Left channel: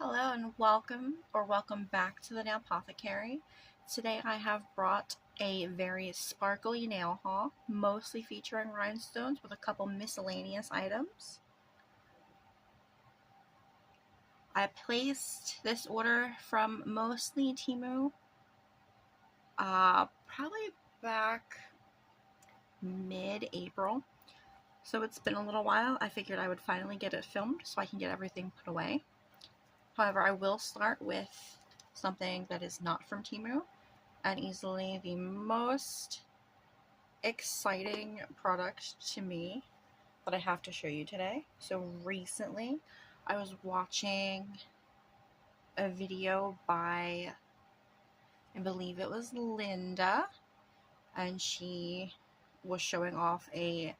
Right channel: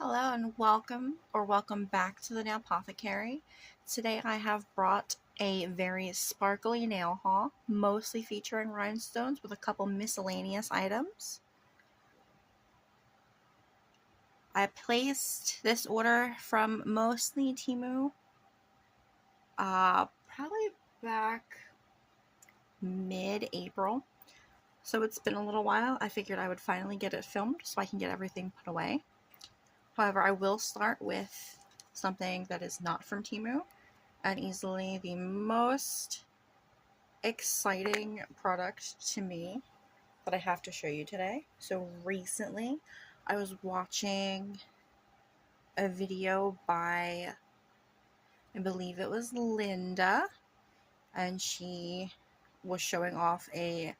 Hello and welcome back to the Nail Apothecary. Today I have brought a very sparkly nail haul, mostly featuring rhinestones with a couple miscellaneous items. I placed this order from mostly Temu, probably back mid-April. So it's been a little while. I figured I would finally get it filmed so I can get everything put away. However, I will start with something that is not from Temu, and easily the most exciting product to me that I have to show you today. So recently, I was watching a video by, I believe it was Linda, and she was showing off a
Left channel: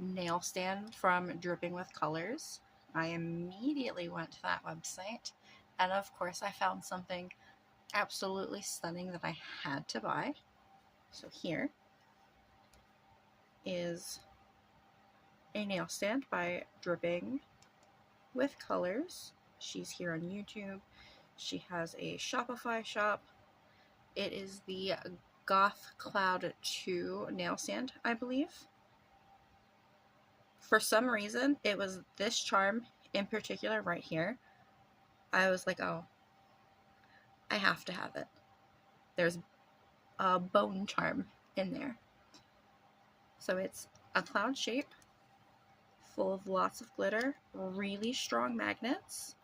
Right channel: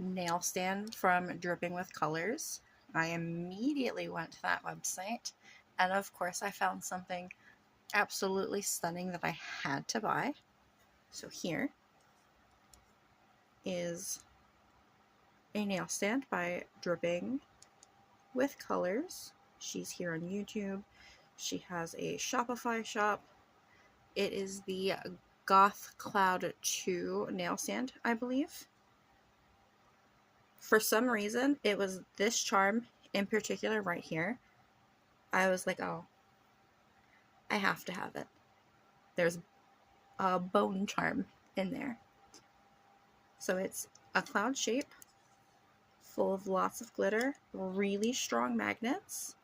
nail stand from Dripping with Colors. I immediately went to that website, and of course I found something absolutely stunning that I had to buy. So here is a nail stand by Dripping with Colors. She's here on YouTube. She has a Shopify shop. It is the Goth Cloud 2 nail stand, I believe. For some reason, it was this charm in particular right here. I was like, oh, I have to have it. There's a bone charm in there. So it's a cloud shape, full of lots of glitter, really strong magnets.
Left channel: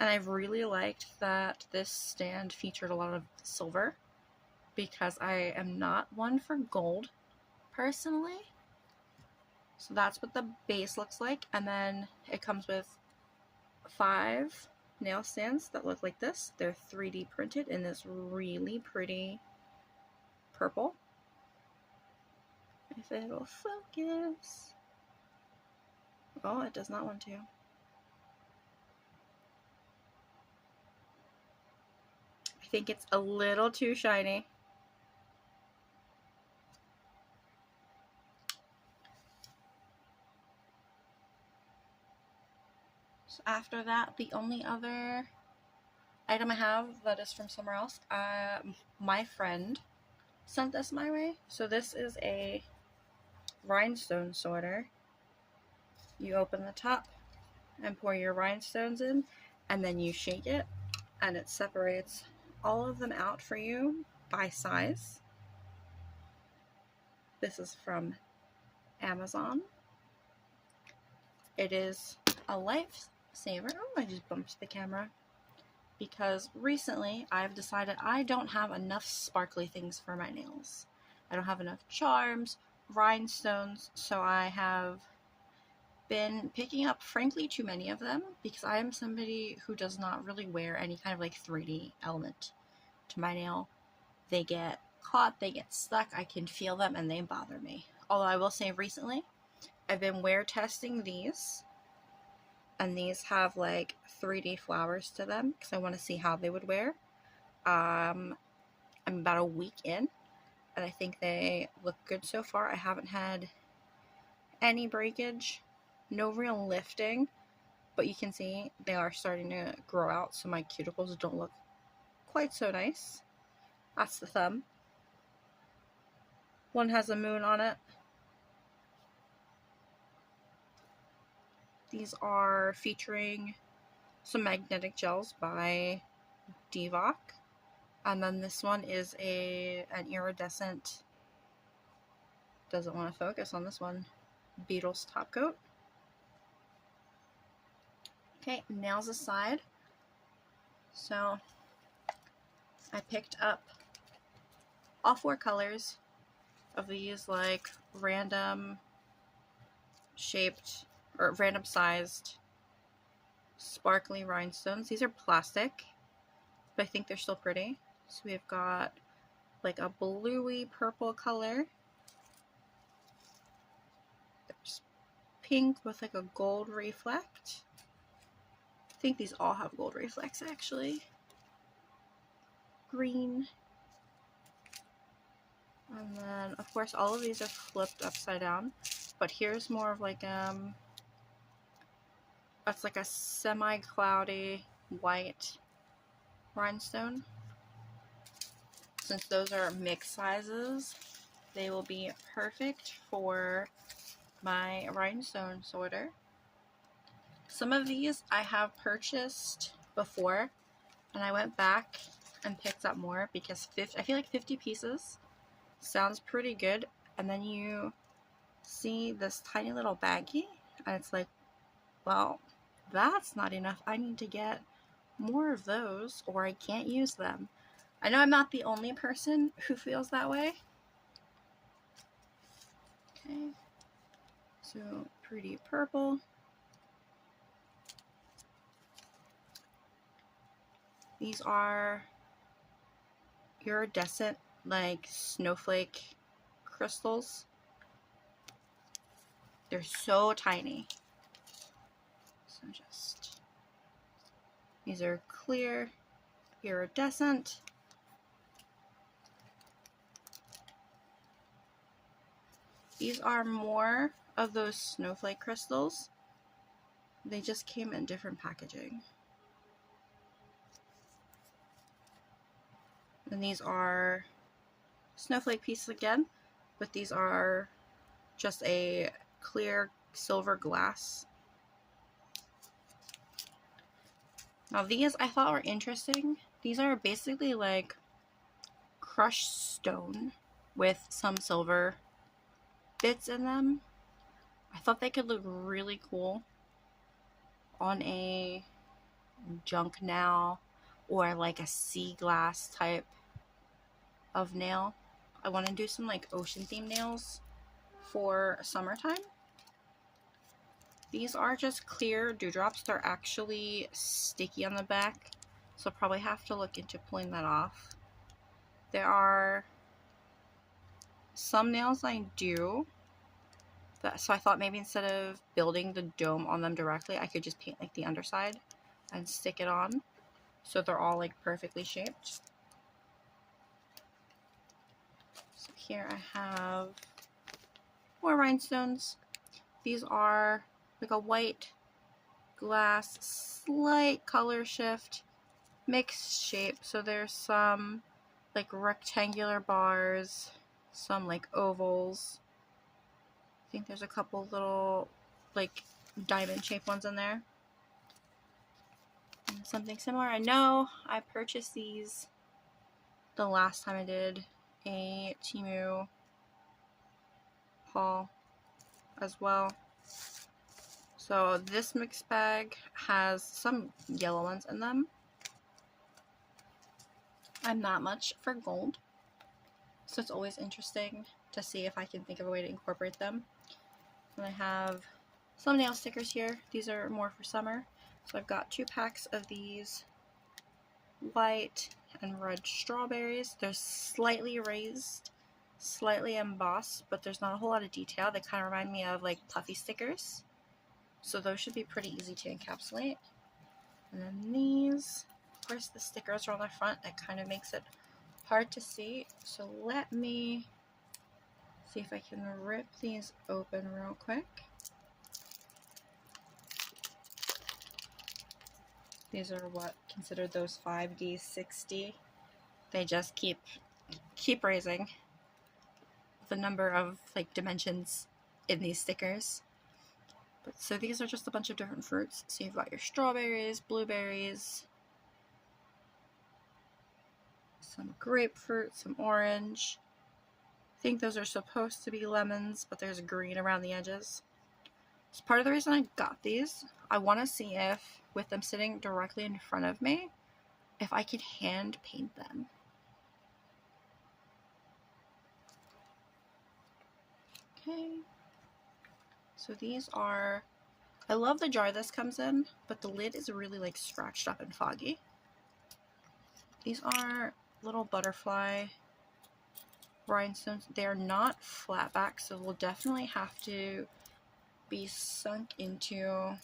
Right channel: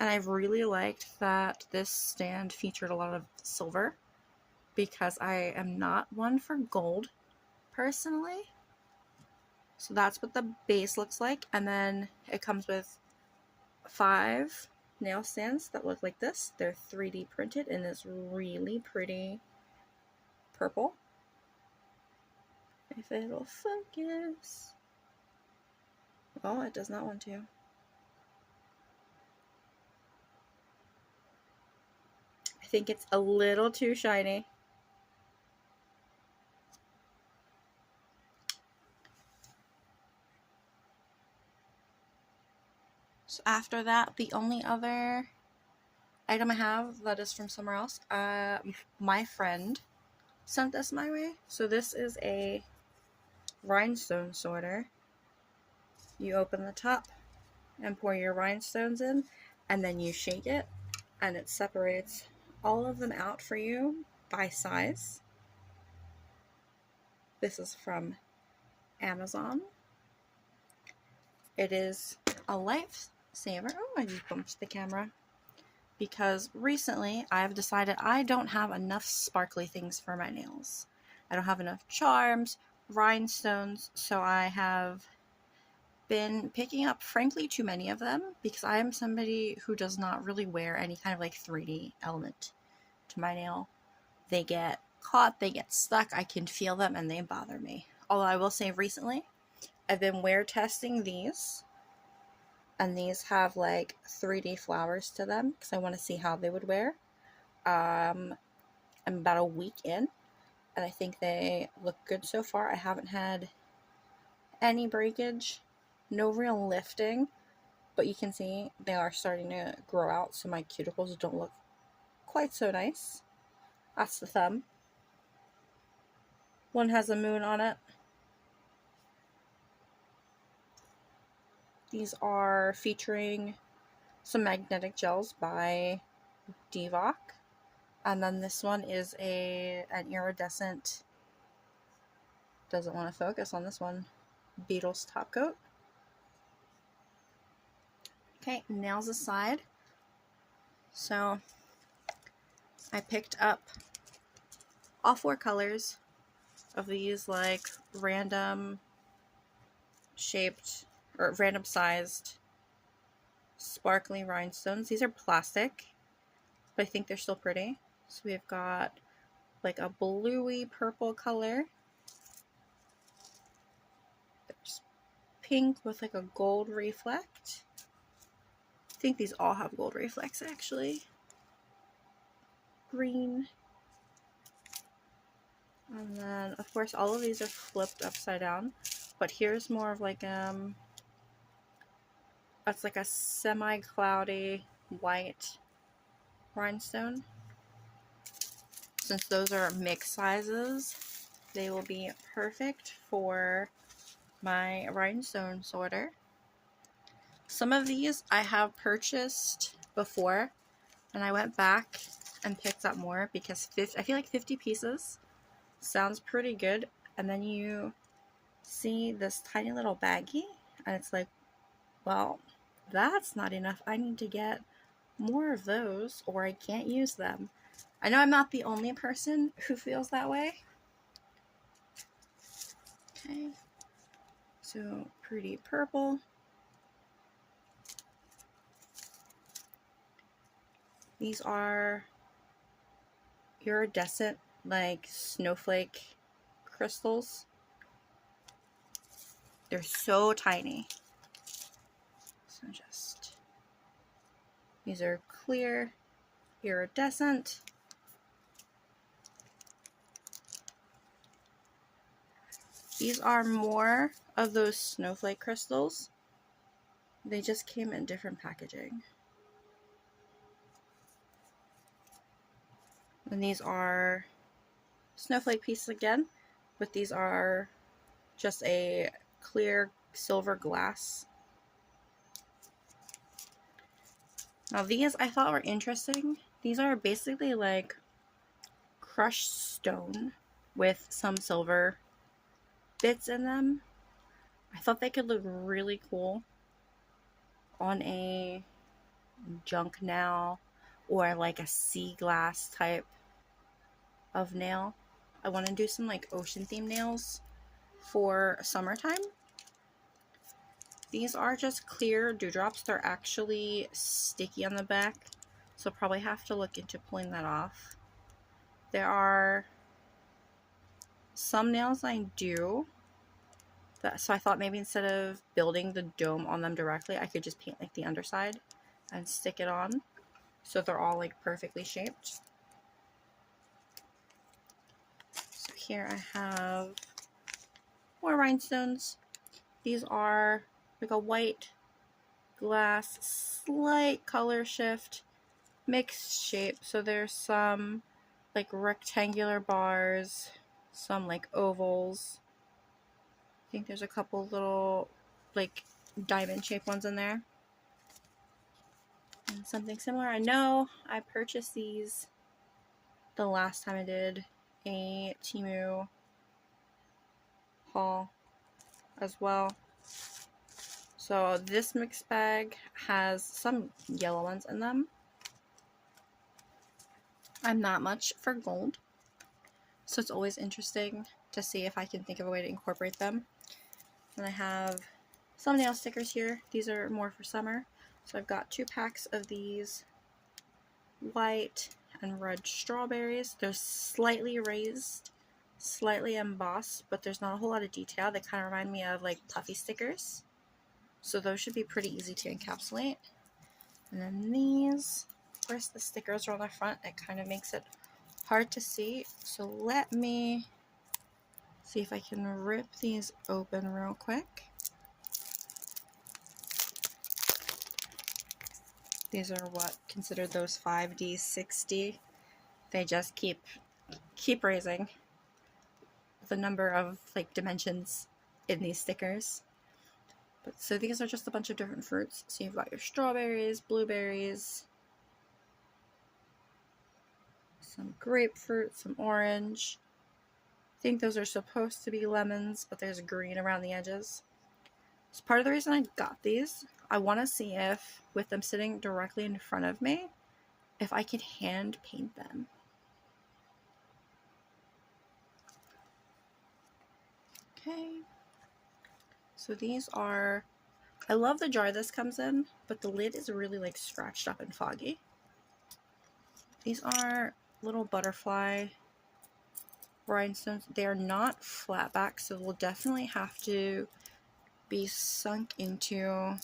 And I've really liked that this stand featured a lot of silver, because I am not one for gold personally. So that's what the base looks like, and then it comes with 5 nail stands that look like this. They're 3D printed in this really pretty purple. If it'll focus. Oh, it does not want to. I think it's a little too shiny. So after that, the only other item I have that is from somewhere else, my friend sent this my way. So this is a rhinestone sorter. You open the top and pour your rhinestones in, and then you shake it, and it separates all of them out for you by size. This is from Amazon. It is a lifesaver. Oh, I just bumped the camera. Because recently I've decided I don't have enough sparkly things for my nails. I don't have enough charms, rhinestones, so I have been picking up, frankly, too many of them, because I am somebody who does not really wear any kind of like 3D element to my nail. They get caught, they get stuck, I can feel them, and they bother me. Although I will say recently, I've been wear testing these, and these have like 3D flowers to them because I want to see how they would wear. I'm about a week in, and I think they look good so far. I haven't had any breakage, no real lifting, but you can see they are starting to grow out, so my cuticles don't look quite so nice. That's the thumb. One has a moon on it. These are featuring some magnetic gels by Divock. And then this one is an iridescent, doesn't want to focus on this one, Beetles top coat. Okay, nails aside. So I picked up all 4 colors of these like random shaped or random sized sparkly rhinestones. These are plastic, but I think they're still pretty. So we've got like a bluey purple color. There's pink with like a gold reflect. I think these all have gold reflects actually. Green. And then of course all of these are flipped upside down. But here's more of like That's like a semi-cloudy white rhinestone. Since those are mixed sizes, they will be perfect for my rhinestone sorter. Some of these I have purchased before, and I went back and picked up more because I feel like 50 pieces sounds pretty good. And then you see this tiny little baggie, and it's like, well, that's not enough. I need to get more of those or I can't use them. I know I'm not the only person who feels that way. Okay, so pretty purple. These are iridescent, like snowflake crystals. They're so tiny. So these are clear, iridescent. These are more of those snowflake crystals. They just came in different packaging. And these are snowflake pieces again, but these are just a clear silver glass. Now these I thought were interesting. These are basically like crushed stone with some silver bits in them. I thought they could look really cool on a junk nail or like a sea glass type of nail. I want to do some like ocean themed nails for summertime. These are just clear dewdrops. They're actually sticky on the back, so I'll probably have to look into pulling that off. There are some nails I do, so I thought maybe instead of building the dome on them directly, I could just paint like the underside and stick it on, so they're all like perfectly shaped. So here I have more rhinestones. These are like a white glass, slight color shift, mixed shape. So there's some like rectangular bars, some like ovals. I think there's a couple little like diamond shaped ones in there. And something similar. I know I purchased these the last time I did a Temu haul as well. So this mixed bag has some yellow ones in them. I'm not much for gold, so it's always interesting to see if I can think of a way to incorporate them. And I have some nail stickers here. These are more for summer. So I've got 2 packs of these white and red strawberries. They're slightly raised, slightly embossed, but there's not a whole lot of detail. They kind of remind me of like puffy stickers. So those should be pretty easy to encapsulate. And then these, of course the stickers are on the front. It kind of makes it hard to see. So let me see if I can rip these open real quick. These are what considered those 5D 60. They just keep raising the number of like dimensions in these stickers. But so these are just a bunch of different fruits. So you've got your strawberries, blueberries, some grapefruit, some orange. I think those are supposed to be lemons, but there's green around the edges. So part of the reason I got these, I want to see if, with them sitting directly in front of me, if I could hand paint them. Okay. So these are, I love the jar this comes in, but the lid is really like scratched up and foggy. These are little butterfly rhinestones. They are not flat back, so we'll definitely have to be sunk into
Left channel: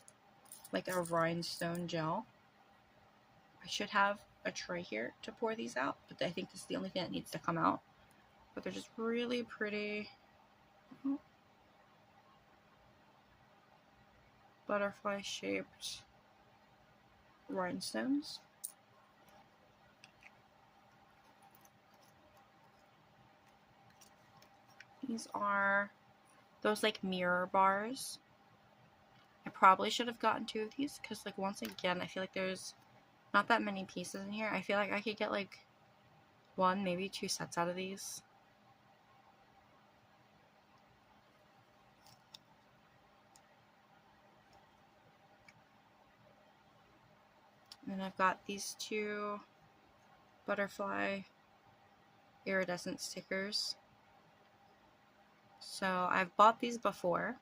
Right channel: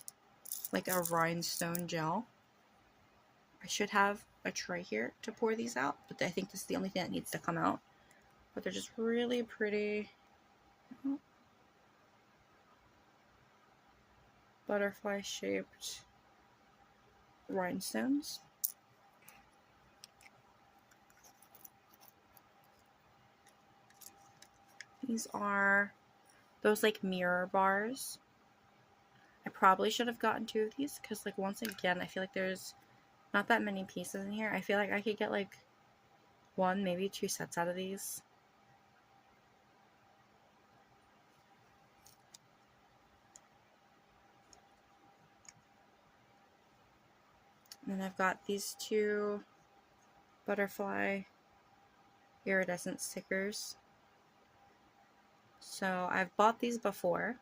like a rhinestone gel. I should have a tray here to pour these out, but I think this is the only thing that needs to come out. But they're just really pretty butterfly shaped rhinestones. These are those like mirror bars. I probably should have gotten 2 of these because, like, once again, I feel like there's not that many pieces in here. I feel like I could get like 1, maybe 2 sets out of these. And then I've got these 2 butterfly iridescent stickers. So I've bought these before,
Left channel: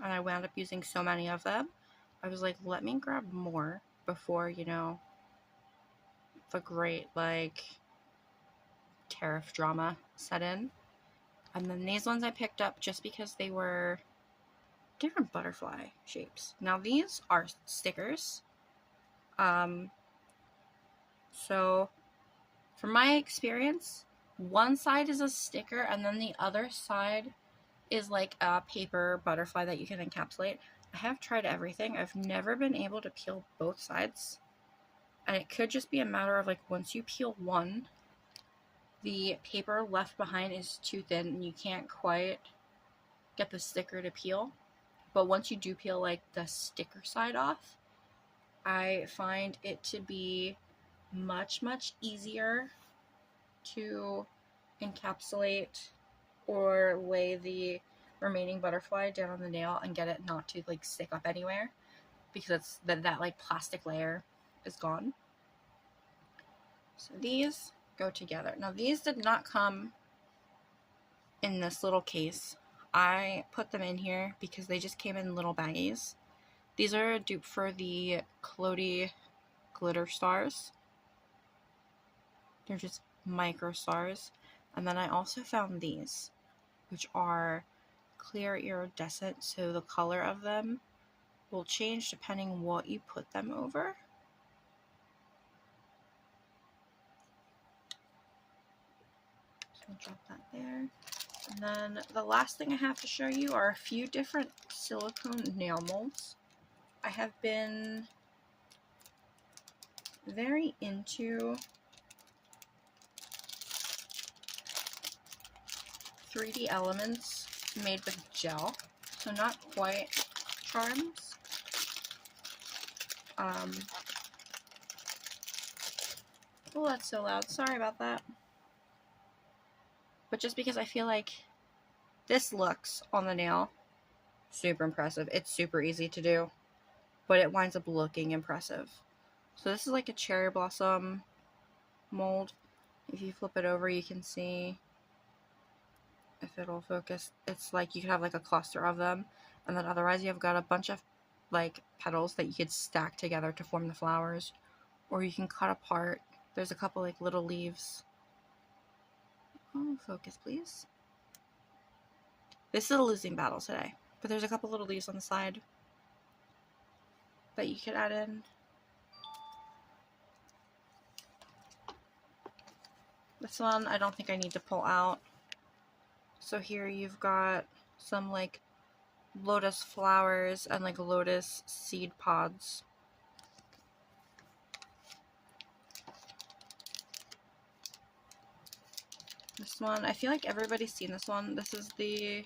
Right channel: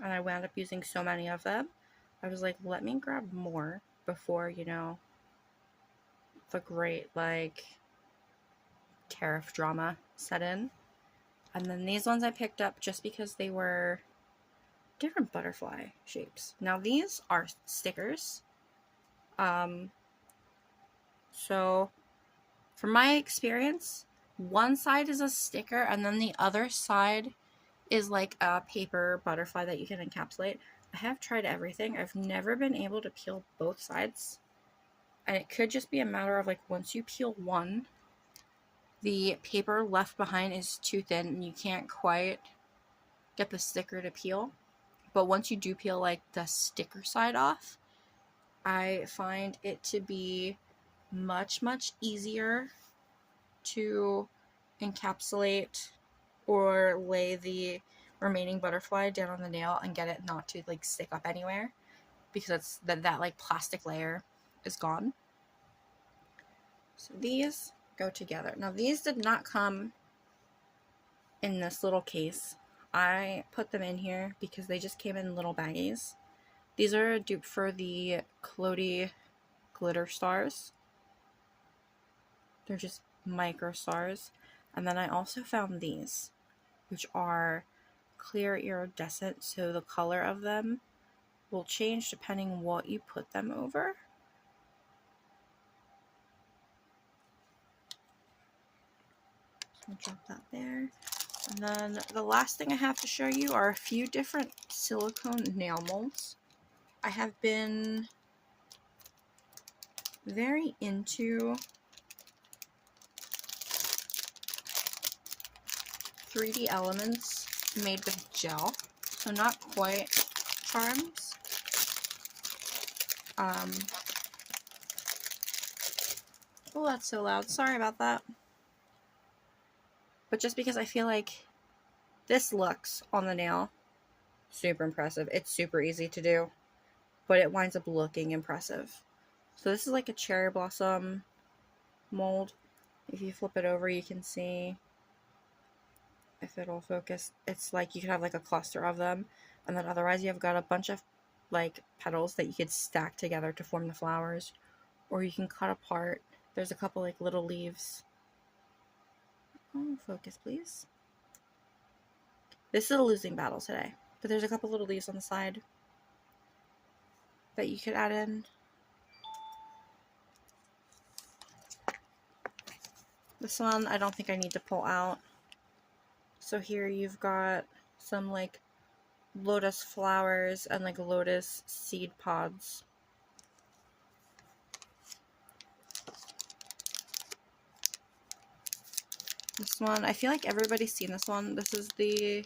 and I wound up using so many of them. I was like, let me grab more before, you know, the great, like, tariff drama set in. And then these ones I picked up just because they were different butterfly shapes. Now these are stickers. So from my experience, one side is a sticker and then the other side is like a paper butterfly that you can encapsulate. I have tried everything. I've never been able to peel both sides. And it could just be a matter of, like, once you peel one, the paper left behind is too thin and you can't quite get the sticker to peel. But once you do peel, like, the sticker side off, I find it to be much, much easier to encapsulate or lay the remaining butterfly down on the nail and get it not to, like, stick up anywhere, because it's that like plastic layer is gone. So these go together. Now these did not come in this little case. I put them in here because they just came in little baggies. These are a dupe for the Clody glitter stars. They're just micro stars. And then I also found these, which are clear iridescent, so the color of them will change depending what you put them over. So I'll drop that there. And then the last thing I have to show you are a few different silicone nail molds. I have been very into 3D elements made with gel, so not quite charms. Oh, that's so loud. Sorry about that. But just because I feel like this looks on the nail super impressive. It's super easy to do, but it winds up looking impressive. So this is like a cherry blossom mold. If you flip it over, you can see, if it'll focus, it's like you could have like a cluster of them, and then otherwise you've got a bunch of like petals that you could stack together to form the flowers, or you can cut apart. There's a couple like little leaves. Oh, focus please. This is a losing battle today, but there's a couple little leaves on the side that you could add in. This one I don't think I need to pull out. So here you've got some like lotus flowers and like lotus seed pods. This one, I feel like everybody's seen this one. This is the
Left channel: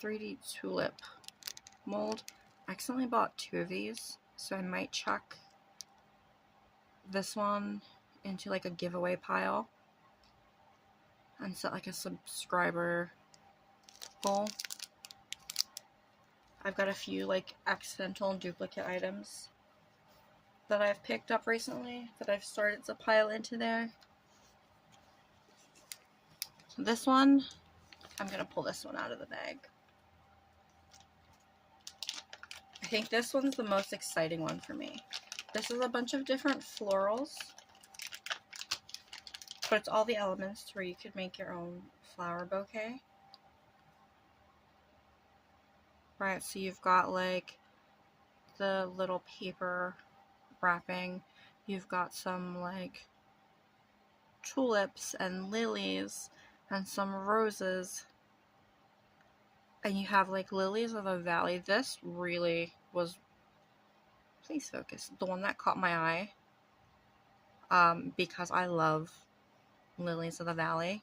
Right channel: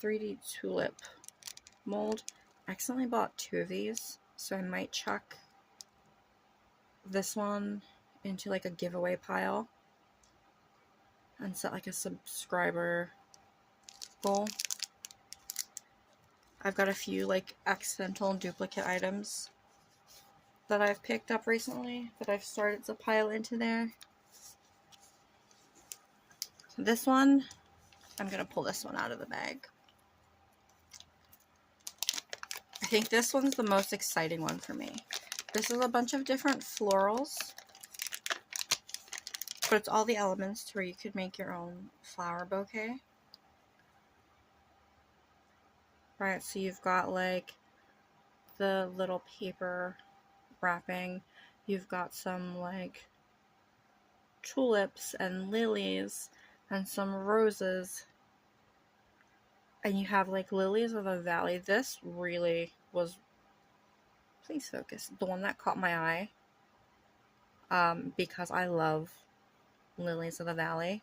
3D tulip mold. I accidentally bought 2 of these, so I might chuck this one into like a giveaway pile and set like a subscriber goal. I've got a few like accidental and duplicate items that I've picked up recently that I've started to pile into there. So this one, I'm going to pull this one out of the bag. I think this one's the most exciting one for me. This is a bunch of different florals, but it's all the elements to where you could make your own flower bouquet. Right, so you've got like the little paper wrapping. You've got some like tulips and lilies and some roses. And you have like Lilies of the Valley. This really was, please focus, the one that caught my eye. Because I love Lilies of the Valley.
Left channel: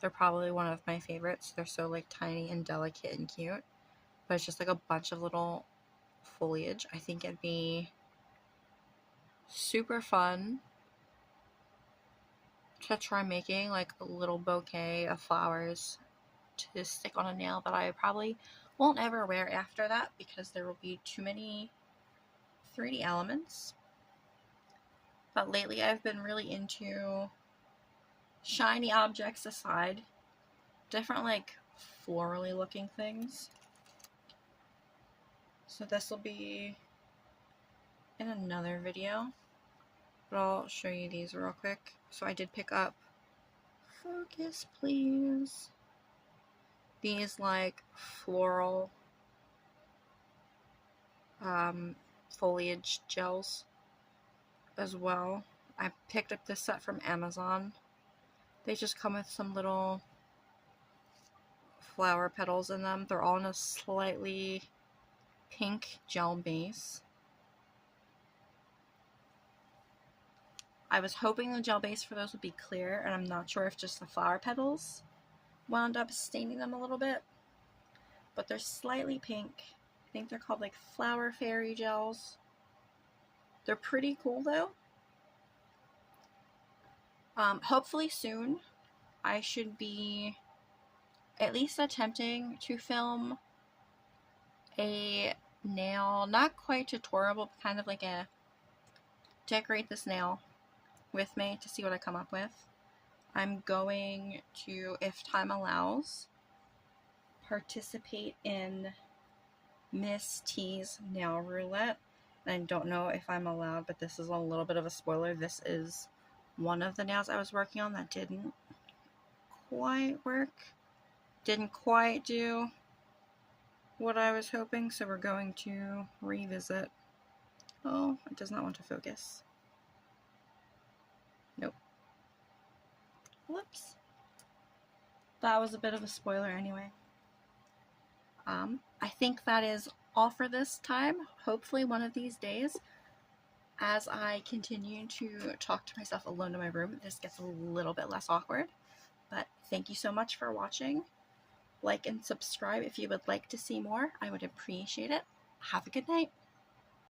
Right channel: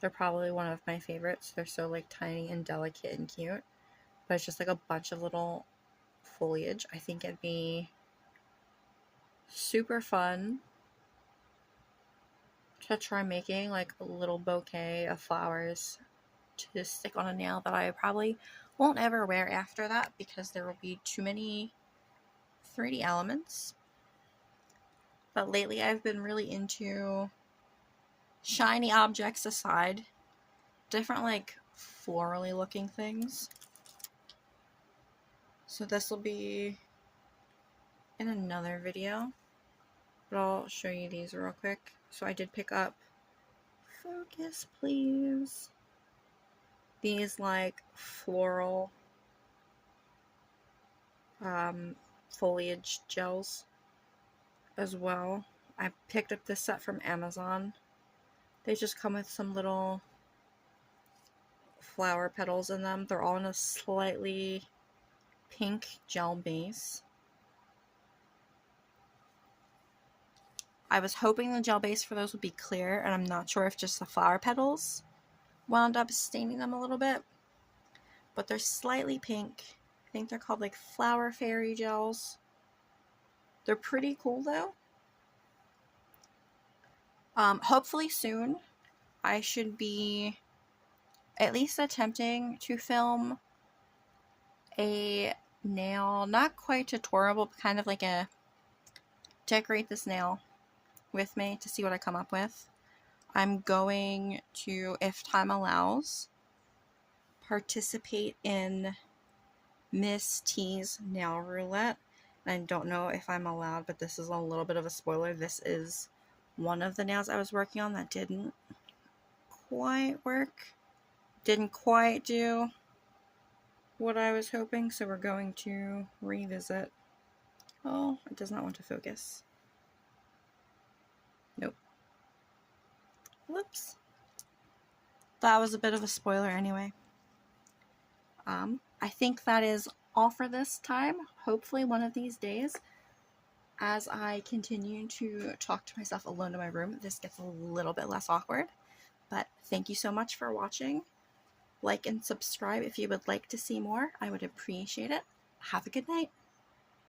They're probably one of my favorites. They're so like tiny and delicate and cute. But it's just like a bunch of little foliage. I think it'd be super fun to try making like a little bouquet of flowers to stick on a nail that I probably won't ever wear after that because there will be too many 3D elements. But lately I've been really into shiny objects aside, different like florally looking things. So this will be in another video, but I'll show you these real quick. So I did pick up, focus please, these like floral foliage gels as well. I picked up this set from Amazon. They just come with some little flower petals in them. They're all in a slightly pink gel base. I was hoping the gel base for those would be clear, and I'm not sure if just the flower petals wound up staining them a little bit, but they're slightly pink. I think they're called like Flower Fairy gels. They're pretty cool though. Hopefully soon I should be at least attempting to film a nail, not quite tutorial, but kind of like a decorate this nail with me to see what I come up with. I'm going to, if time allows, participate in Miss T's nail roulette. I don't know if I'm allowed, but this is a little bit of a spoiler. This is one of the nails I was working on that didn't quite work. Didn't quite do what I was hoping, so we're going to revisit. Oh, it does not want to focus. Nope. Whoops. That was a bit of a spoiler anyway. I think that is all for this time. Hopefully one of these days, as I continue to talk to myself alone in my room, this gets a little bit less awkward. But thank you so much for watching. Like and subscribe if you would like to see more. I would appreciate it. Have a good night.